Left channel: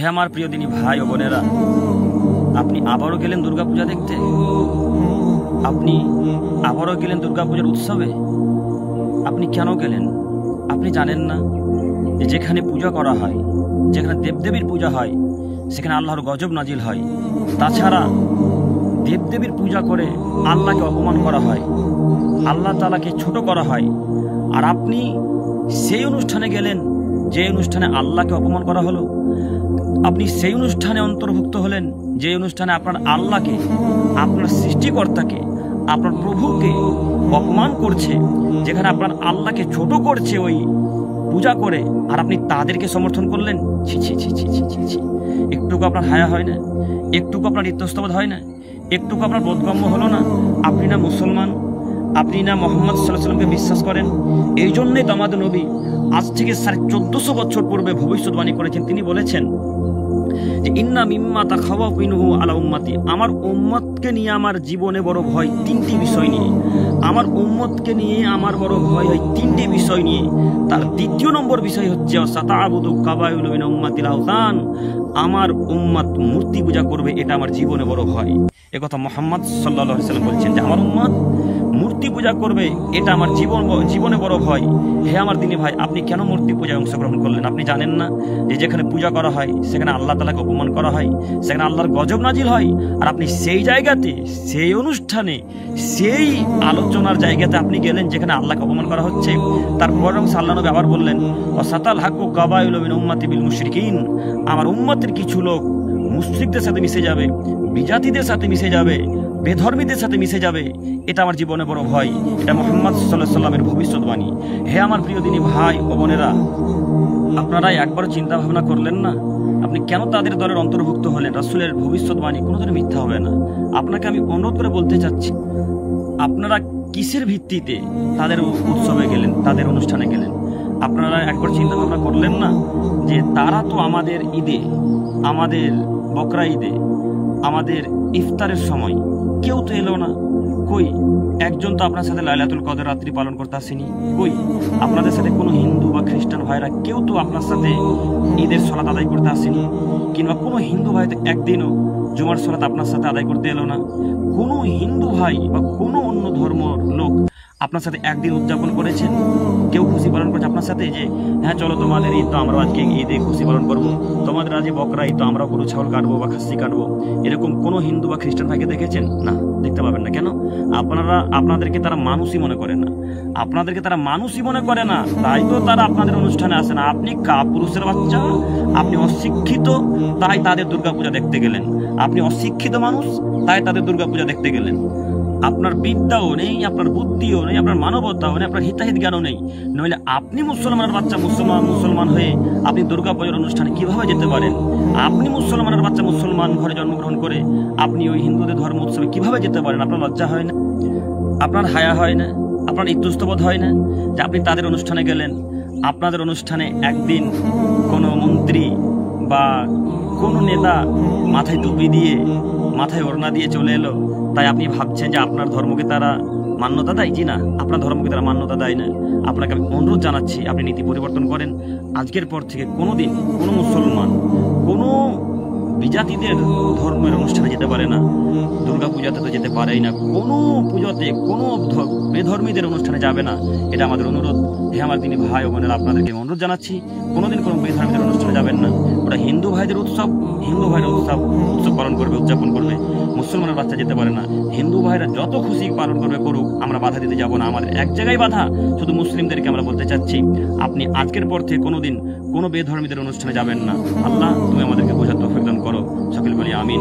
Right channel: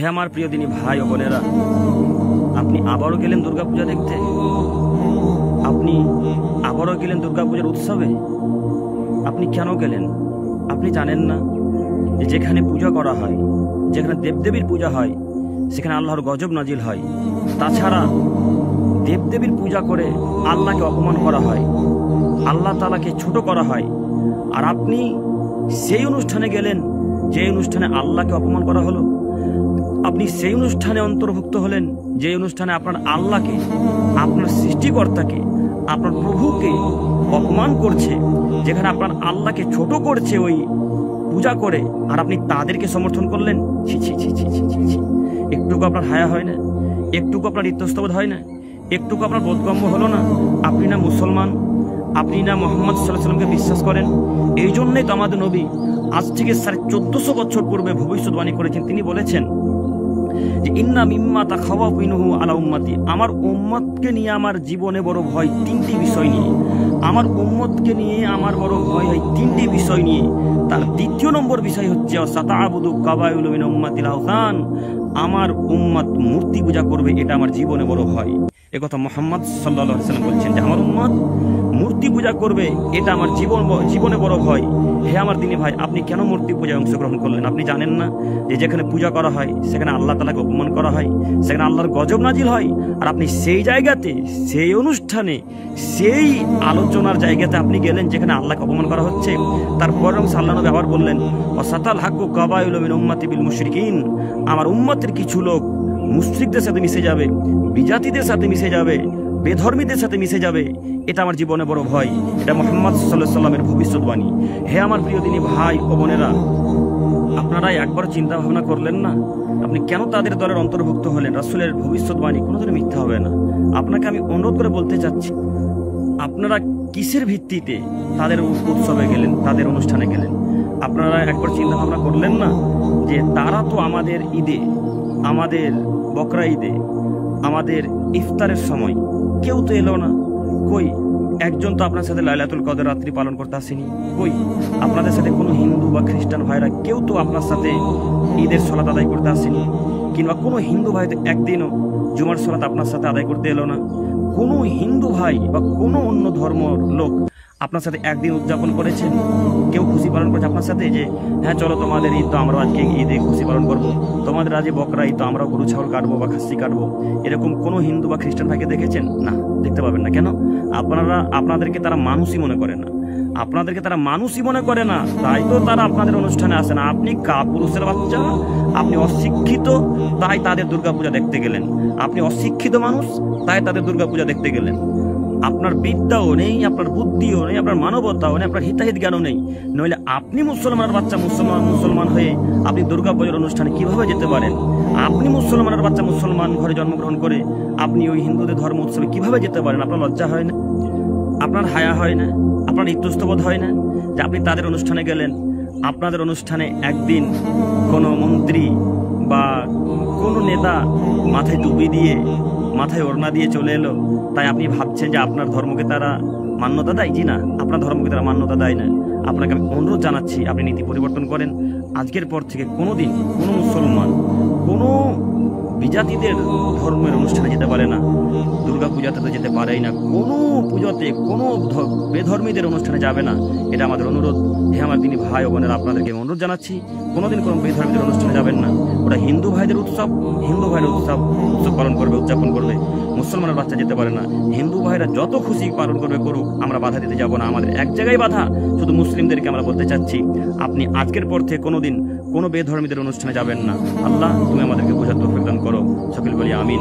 হে আমার প্রিয় দিনী ভাই ও বোনেরা, আপনি আবারও গেলেন দুর্গাপূজা দেখতে। আপনি আবারও গেলেন দুর্গাপূজার উৎসবে। আপনি কেন গেলেন? আপনি জানেন না যে যেখানে পূজা করা হয়, যেখানে দেবদেবীর পূজা হয়, সেখানে আল্লাহর গজব নাজিল হয়। তাছাড়া দেবদেবীর পূজা করে আল্লাহকে অপমান করা হয়, আল্লাহ তাআলাকে ছোট করা হয়। আর আপনি সেই অনুষ্ঠানে গেলেন যে অনুষ্ঠানে আল্লাহকে অপমান করা হলো। আপনি সেই অনুষ্ঠানে অন্তর্ভুক্ত হলেন যে অনুষ্ঠানে আপনার আল্লাহকে, আপনার সৃষ্টিকর্তাকে, আপনার প্রভুকে অপমান করছে, যেখানে আপনার আল্লাহকে ছোট করছে ওই পূজা করে, আর আপনি তাদেরকে সমর্থন করলেন। ছি ছি ছি ছি ছি ছি ছি। একটুকু আপনার হায়া হয় না? একটুকু আপনার ইতস্তবোধ হয় না? একটুকু আপনার বোধগম্য হলো না? আপনি না মুসলমান, আপনি না মুহাম্মদ সাল্লাল্লাহু আলাইহি ওয়াসাল্লামকে বিশ্বাস করেন? এই জন্যই তো আমাদের নবী আজ থেকে 1450 বছর পূর্বে ভবিষ্যৎবাণী করেছেন। তিনি বলেছেন যে ইন্না মিম্মা তাখাওয়াফু মিনহু আলা উম্মতি, আমার উম্মতকে নিয়ে আমার জীবনে বড় ভয় তিনটি বিষয় নিয়ে। আমার উম্মতকে নিয়ে আমার বড় ভয় হয় তিনটি বিষয় নিয়ে। তার দ্বিতীয় নম্বর বিষয় হচ্ছে সাতাআবুদু কাবাইলু মিন উম্মাতিল আওতান, আমার উম্মত মূর্তি পূজা করবে, এটা আমার জীবনে বড় ভয়। একথা মুহাম্মদ সাল্লাল্লাহু আলাইহি ওয়াসাল্লাম বলছেন যে আমার উম্মত মূর্তি পূজা করবে, এটা আমার জীবনে বড় ভয়। হে আমার দিনী ভাই, আপনি কেন মূর্তি পূজায় অংশগ্রহণ করলেন? আপনি জানেন না যে যেখানে পূজা করা হয় সেখানে আল্লাহ তাআলাকে অপমান করা হয়, সেখানে আল্লাহর গজব নাজিল হয়। আর আপনি সেই জায়গাতে, সেই অনুষ্ঠানে, সেই আলোচনার জায়গাতে আপনি গেলেন যেখানে আল্লাহকে অপমান করা হচ্ছে। তারপর আল্লাহ নবী আবার বললেন ওয়াসাতাল হাক্কু কাবাইলু মিন উম্মতি বিল মুশরিকিন, আমার উম্মতের কিছু লোক মুশরিকদের সাথে মিশে যাবে, বিজাতিদের সাথে মিশে যাবে, বেধর্মীদের সাথে মিশে যাবে। এটা আমার জীবনে বড় ভয়। এটা মুহাম্মদ সাল্লাল্লাহু আলাইহি ওয়াসাল্লামের ভবিষ্যৎবাণী। হে আমার প্রিয় দিনী ভাই ও বোনেরা, আপনারা একবার চিন্তা ভাবনা করলেন না আপনি কেন তাদের দলের অন্তর্ভুক্ত হলেন? রাসূলের ভবিষ্যৎবাণী কোনোদিন মিথ্যা হবে না। আপনাকে আমি অনুরোধ করে বলতে চাচ্ছি, আপনারা কিসের ভিত্তিতে তাদের উৎসবে গেলেন, তাদের অনুষ্ঠানে গেলেন? আপনারা একবার চিন্তা ভাবনা করলেন না যে তারা তো আমাদের ঈদে, আমাদের বকরা ঈদে, আমাদের ইফতারের সময় কেউ তো এলো না। কই একজন তো আপনার সাথে লাইলাতুল কদর রাত্রি পালন করতে আসেনি। কই আপনাদের সাথে কোনো হিন্দু বা খ্রিস্টান ভাইরা কেউ তো আপনার সাথে ঈদের সালাত আদায় করতে আসেনি। কিংবা কোনো হিন্দু ভাই তো একদিনও জুমার সালাত আপনার সাথে আদায় করতে এলো না। কোনো হিন্দু ভাই বা কোনো অন্য ধর্মের লোক আপনার সাথে একদিন উদযাপন করেছেন? কেউ খুশি পালন করেছে আপনার সাথে যে হ্যাঁ চলো তোমাদের ঈদ তো আমরা আজকে ঈদে খুশি পালন করব, তোমাদের আজ বকরা ঈদ তো আমরাও গরু ছাগল কাটবো বা খাসি কাটবো? এরকম কোনো হিন্দু বা খ্রিস্টান ভাইকে দেখেছেন? না, দেখতে পাবেন না। কেন? আপনাদেরকে তারা মানুষই মনে করে না। আপনাদেরকে তারা মানুষই মনে করে না, তাই তো তারা আপনাদের অনুষ্ঠানে আসে না। আপনি কাপুরুষের বাচ্চা, আপনি অশিক্ষিত, তাই তাদের দুর্গাপূজা দেখতে গেলেন। আপনি অশিক্ষিত মানুষ, তাই তাদের দুর্গাপূজা দেখতে গেলেন। আপনার বিদ্যাও নেই, আপনার বুদ্ধিও নেই, আপনার মানবতাও নেই, আপনার হিতাহিত জ্ঞানও নেই। নইলে আপনি মুসলমানের বাচ্চা মুসলমান হয়ে আপনি দুর্গাপূজার অনুষ্ঠানে কিভাবে যেতে পারেন? আপনি মুসলমানের বাচ্চা মুসলমান ঘরে জন্মগ্রহণ করে আপনি ওই হিন্দুদের ধর্ম উৎসবে কিভাবে যেতে পারেন? আপনার লজ্জা হয় না? আপনার হায়া হয় না? আপনার ইতস্তবোধ হয় না যে আপনি তাদের অনুষ্ঠানে গেলেন? আপনাদের অনুষ্ঠানে একদিন কোনো মন্ত্রী বা কোনো নেতা মাথায় টুপি দিয়ে, মাথায় ওড়না দিয়ে চলে এলো, তাই আপনি ভাবছেন যে আপনার ধর্মকে তারা মান্যতা দেয়? জি না, আপনার ধর্মকে তারা মান্যতা দেয় না। আপনাকে আমি অনুরোধ জানাচ্ছি আপনি নীতি পরিবর্তন করেন। আজকের পর থেকে কোনোদিন কোনো মুসলমান কোনো বিজাতিদের ধর্মের অনুষ্ঠানে যেতে পারে না, দুর্গাপূজাতে তো যেতে পারেই না, কোনো পুজোতে কোনো বেধর্মীদের অনুষ্ঠানে যাবে না। এটা আমাদের অনুরোধ। হে আমার দিনী ভাই ও বোনেরা, আপনাদেরকে অনুরোধ জানাচ্ছি কোনোদিন কোনো বেধর্মীদের অনুষ্ঠানে যাবেন না। ওটা হিন্দু ভাইদের উৎসব, হিন্দু ভাইরা উৎসব পালন করবে, উদযাপন করবে। মুসলমানের বাচ্চা যেতে পারে না। হিন্দু ভাইরা যত খুশি পালন করবে করুক, আমরা বাধা দিতে যাব না। আমাদের এক জায়গায় বাধা, শুধু মুসলিমদেরকে আমরা বলতে চাচ্ছি আপনি আজকের পর থেকে কোনোদিন কোনো বেধর্মীদের অনুষ্ঠানে যাবেন না। আল্লাহ তুমি আমাদেরকে বোঝার তৌফিক দান করো। সকল বলি আমিন।